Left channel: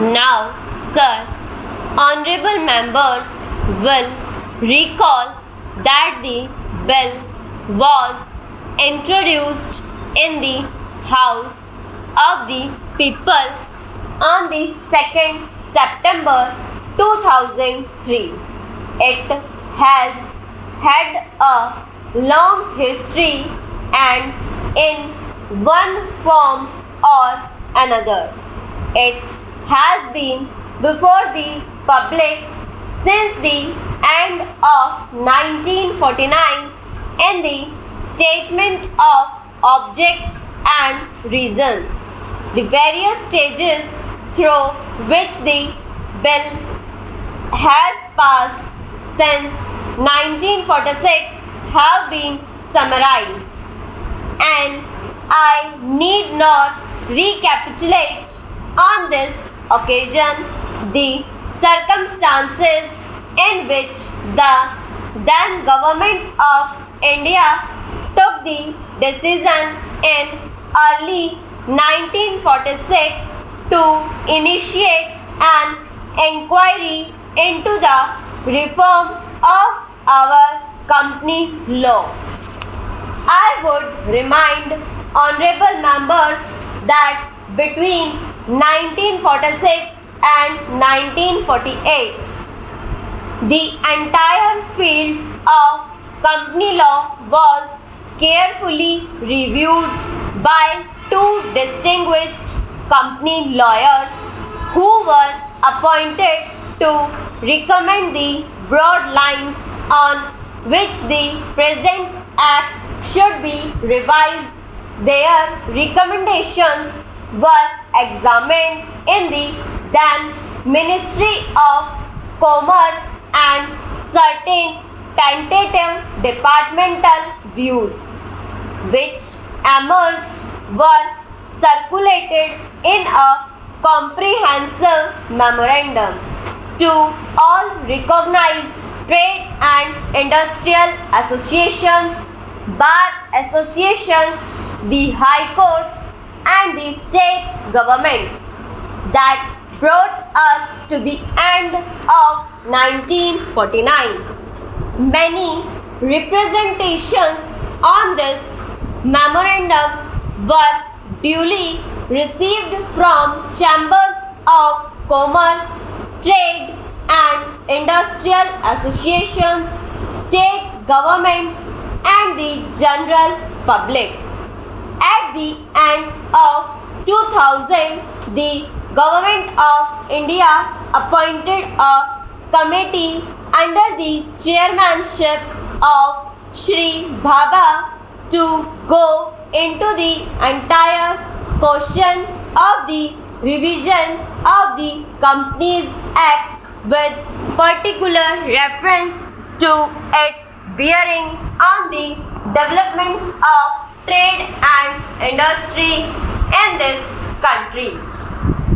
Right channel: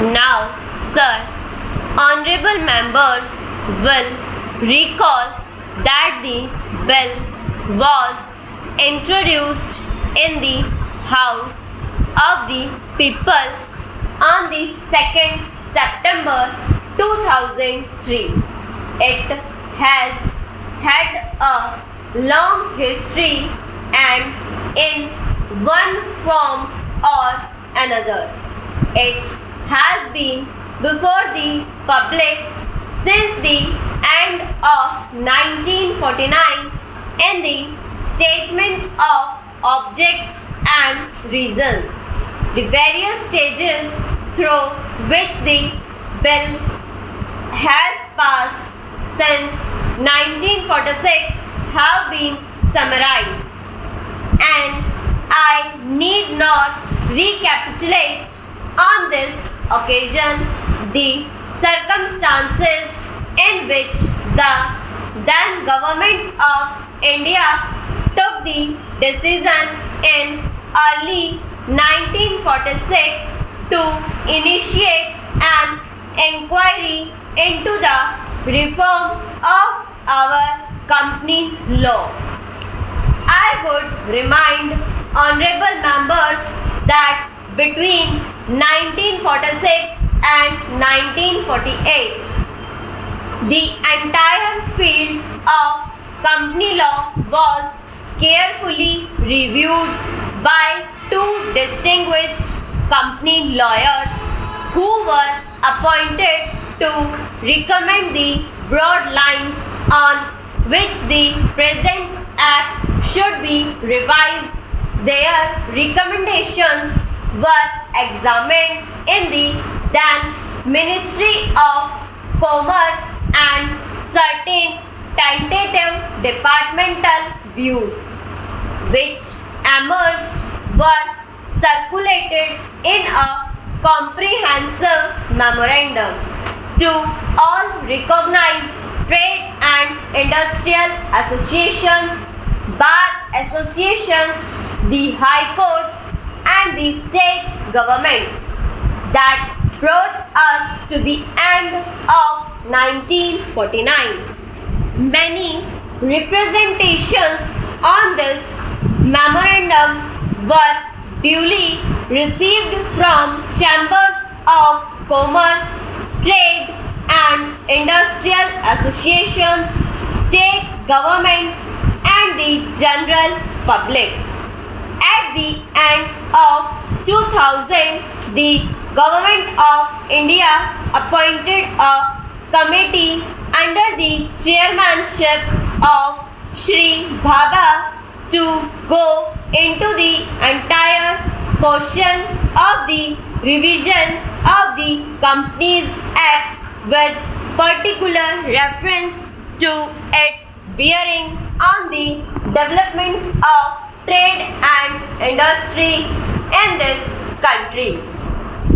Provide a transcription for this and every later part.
Now, sir, honorable members will recall that the bill was introduced in the House of the People on the 2nd September 2003. It has had a long history and in one form or another. It has been before the public since the end of 1949 in the Statement of Objects and Reasons. The various stages through which the bill has passed since 1946 have been summarized, and I need not recapitulate on this occasion the circumstances in which the then government of India took the decision in early 1946 to initiate an inquiry into the reform of our company law. I would remind honorable members that between 1946 and 1948, the entire field of company law was carefully reviewed by two distinguished company lawyers who were appointed to recommend the broad lines on which the present act should be revised. Their recommendations were examined in the then Ministry of Commerce and certain tentative departmental views, which emerged, were circulated in a comprehensive memorandum to all recognized trade and industrial associations, bar associations, the high courts, and the state governments that brought us to the end of 1949. Many representations on this memorandum were duly received from chambers of commerce, trade and industrial associations, state governments and the general public. At the end of 2000, the Government of India appointed a committee under the chairmanship of Shri Bhabha to go into the entire question of the revision of the Companies Act with particular reference to its bearing on the development of trade and industry in this country.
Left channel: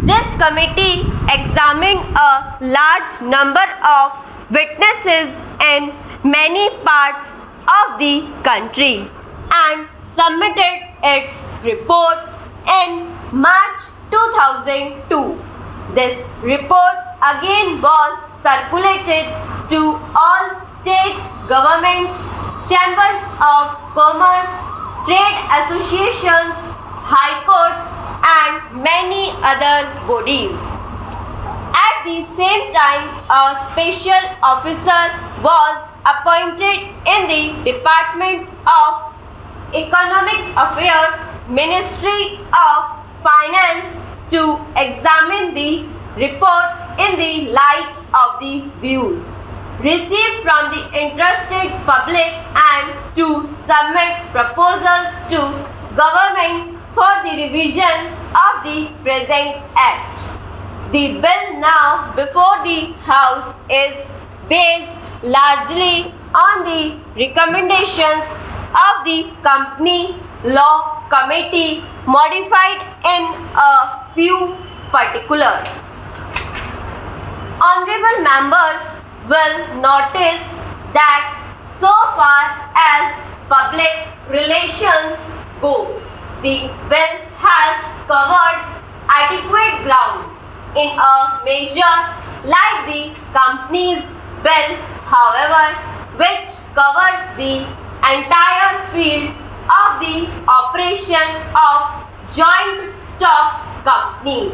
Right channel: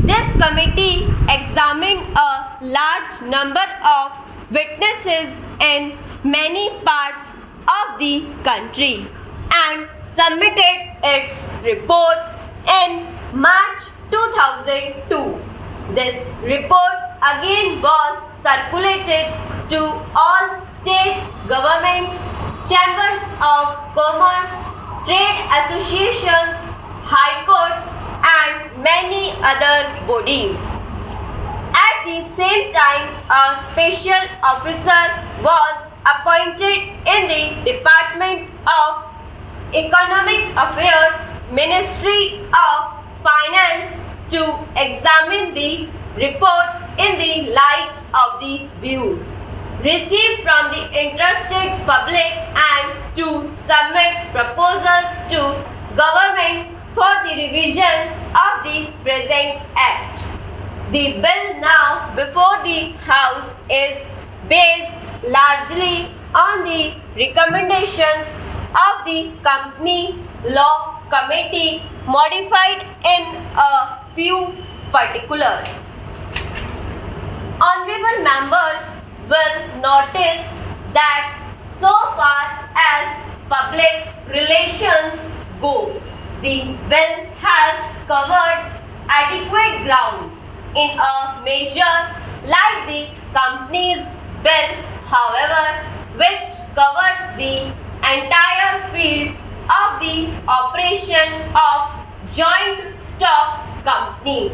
This committee examined a large number of witnesses in many parts of the country and submitted its report in March 2002. This report again was circulated to all state governments, chambers of commerce, trade associations, high courts and many other bodies. At the same time, a special officer was appointed in the Department of Economic Affairs, Ministry of Finance to examine the report in the light of the views received from the interested public and to submit proposals to government for the revision of the present act. The bill now before the House is based largely on the recommendations of the Company Law Committee modified in a few particulars. Honorable members will notice that so far as public relations go, the bill has covered adequate ground in a measure like the Companies Bill, however, which covers the entire field of the operation of joint stock companies.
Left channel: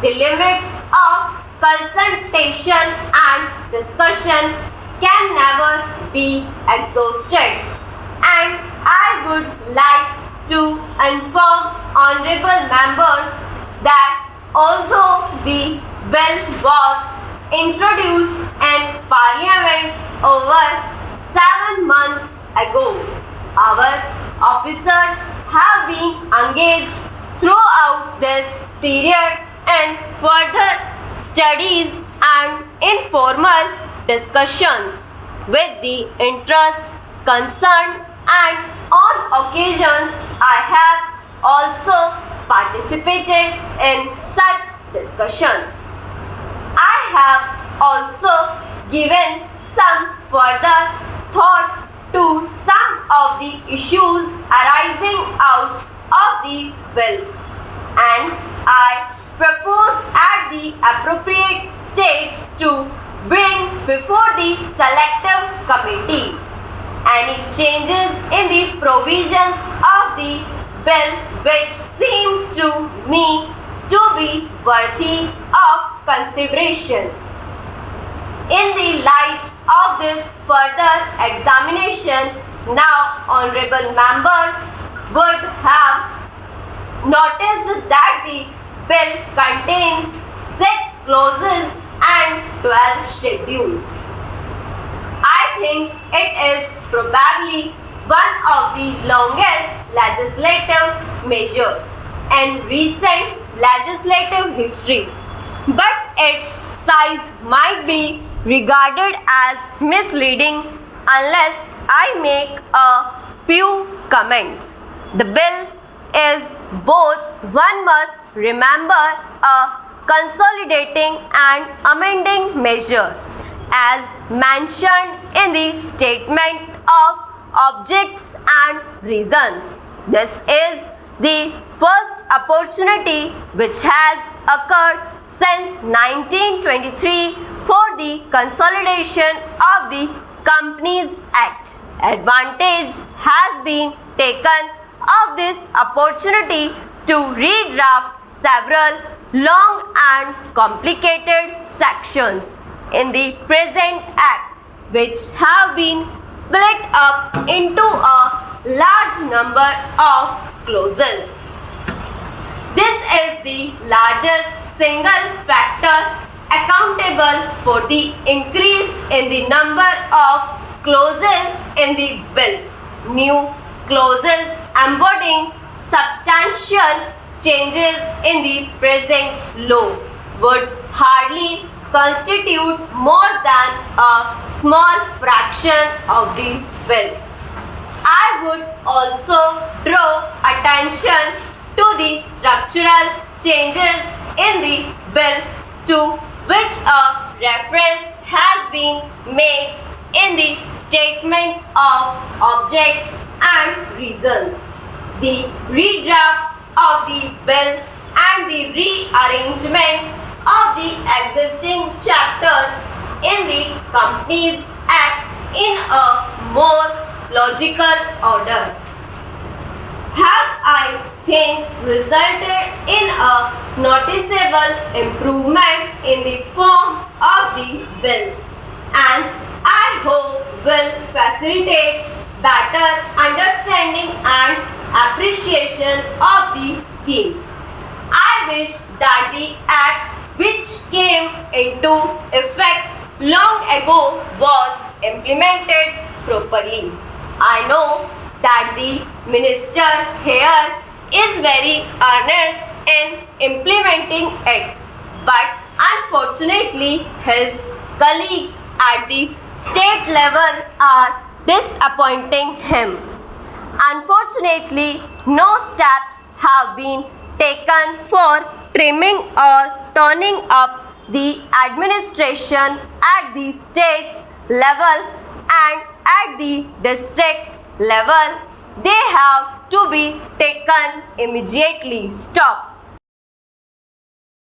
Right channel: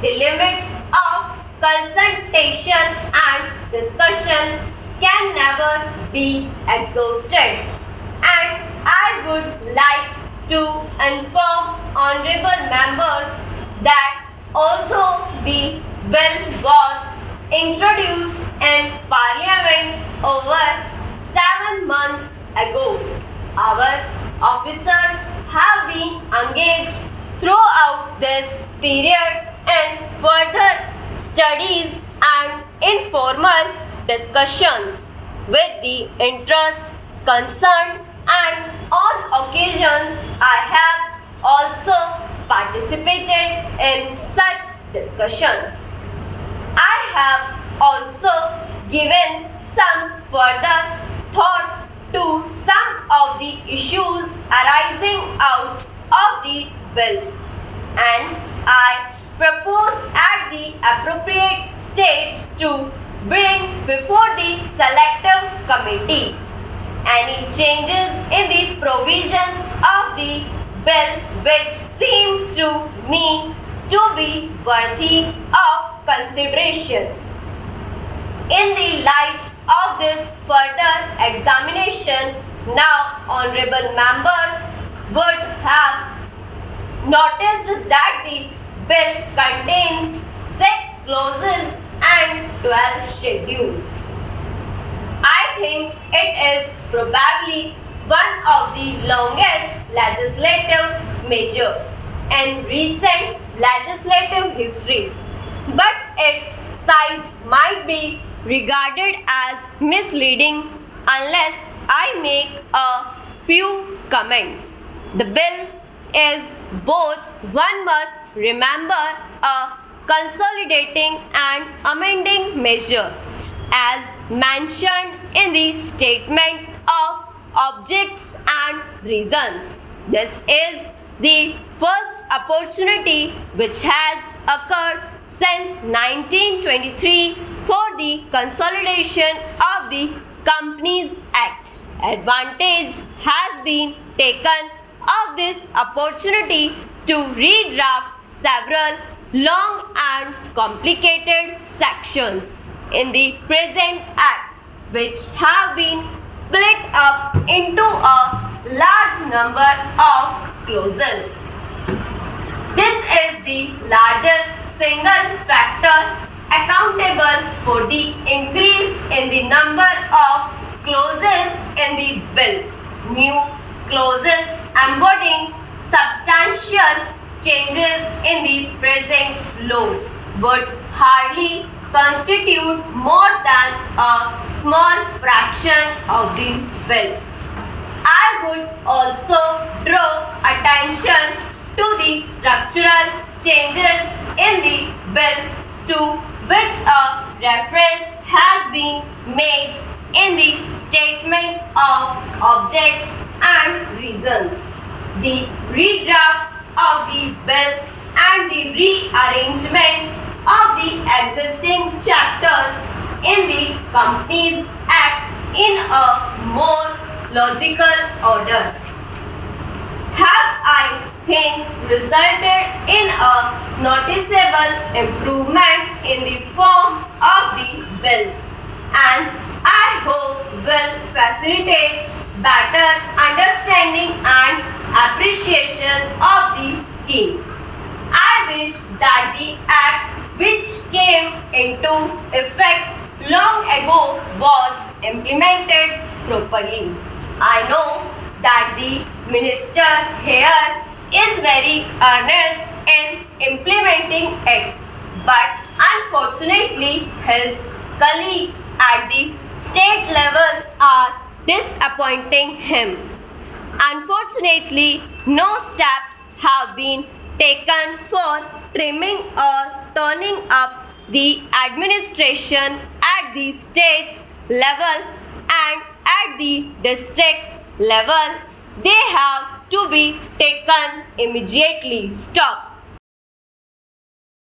The limits of consultation and discussion can never be exhausted, and I would like to inform honorable members that although the bill was introduced in Parliament over 7 months ago, our officers have been engaged throughout this period in further studies and informal discussions with the interest concerned, and on occasions I have also participated in such discussions. I have also given some further thought to some of the issues arising out of the bill, and I propose at the appropriate stage to bring before the selective committee any changes in the provisions of the bill which seem to me to be worthy of consideration. In the light of this further examination, now honorable members would have noticed that the bill contains 6 clauses and 12 schedules. I think it is probably one of the longest legislative measures in recent legislative history, but its size might be regarded as misleading unless I make a few comments. The bill is both, one must remember, a consolidating and amending measure as mentioned in the statement of objects and reasons. This is the first opportunity which has occurred since 1923 for the consolidation of the Companies Act. Advantage has been taken of this opportunity to redraft several long and complicated sections in the present Act, which have been split up into a large number of clauses. This is the largest single factor accountable for the increase in the number of clauses in the bill. New clauses embodying substantial changes in the present law would hardly constitute more than a small fraction of the bill. I would also draw attention to the structural changes in the bill to which a reference has been made in the statement of objects and reasons. The redraft of the bill and the rearrangement of the existing chapters in the Companies Act in a more logical order have, I think, resulted in a noticeable improvement in the form of the bill, and I hope will facilitate better understanding and appreciation of the scheme. I wish that the Act, which came into effect long ago, was implemented properly. I know that the minister here is very earnest in implementing it, but unfortunately his colleagues at the state level are disappointing him. Unfortunately, no steps have been taken for trimming or toning up the administration at the state level, and at the district level they have to be taken immediately. Stop.